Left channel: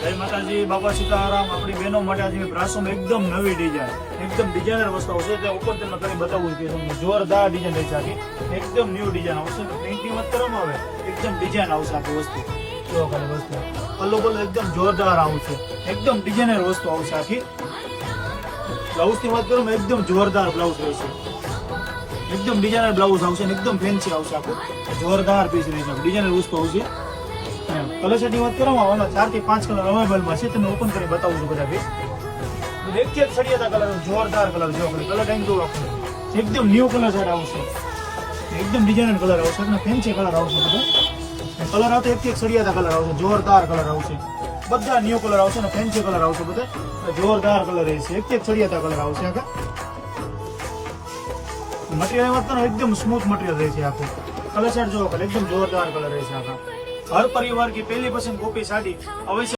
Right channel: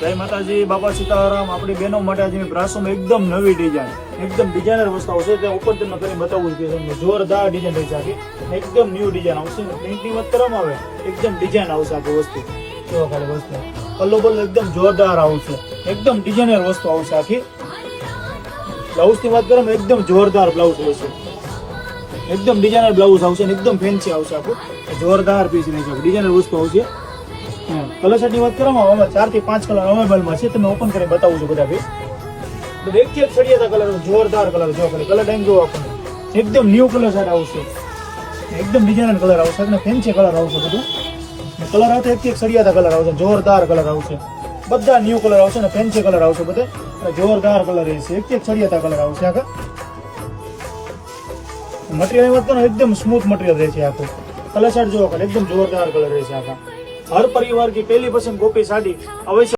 જય માતાજી, બાપા સીતારામ। આપણી બહેનો માટે આજે બ્રાસોમાં એકદમ નવી ડિઝાઇન, એકદમ ડિઝાઇનર વસ્તુ આવશે। તે ઉપર તમને કરી બતાવવું છે તમને, જોરદાર ડિઝાઇન રહી છે, એકદમ ન્યૂ ડિઝાઇન આવશે। પ્રિન્ટિંગ મત કરવામાં આવે, એકદમ ડિઝાઇન આવશે આખી વસ્તુ। જો ખાલી વસ્તુ પલ્લો પલ્લો એકદમ જોરદાર આવશે, એકદમ ડિઝાઇનર વસ્તુ આવશે આખી। બ્લાઉઝ ની વાત કરવામાં એકદમ જોરદાર બ્લાઉઝ રહેશે, એકદમ ડિઝાઇનર બ્લાઉઝ આવશે, એકદમ ફેન્સી આવશે આખું, જોરદાર પીસ રહેશે, ડિઝાઇનર વસ્તુ આવશે। કલર સેટની વાત કરવામાં 4 થી 5 કલર અવેલેબલમાં છે, તમે ઓપન કરી બતાવું છું બધા ભાઈ। એક એક સળિયાતા કલર, જોરદાર કલર, જો ખાલી કલર ટાઈમ જો આપણને એકદમ ન્યૂ કલર સેટ આવશે, એકદમ ડિઝાઇનર કલર આવશે અને ફેન્સી કલર આવશે બધું। કલર આવશે એક એક સળિયાતા કલર આવશે, જોરદાર કલર આવશે, બધા ન્યૂ કલર આવશે ને ફેન્સી કલર આવશે બધા, જોરદાર કલર રહેશે, એક એક સળિયાતા કલર આવશે આખા। મટીરિયલ વાત કરો એકદમ સ્મૂથ મટીરિयल રહેશે આખું। कलर सेट जो एकदम जोरदार कलर है। हर परिवार की पहली पसंद गोपी साड़ी अवश्य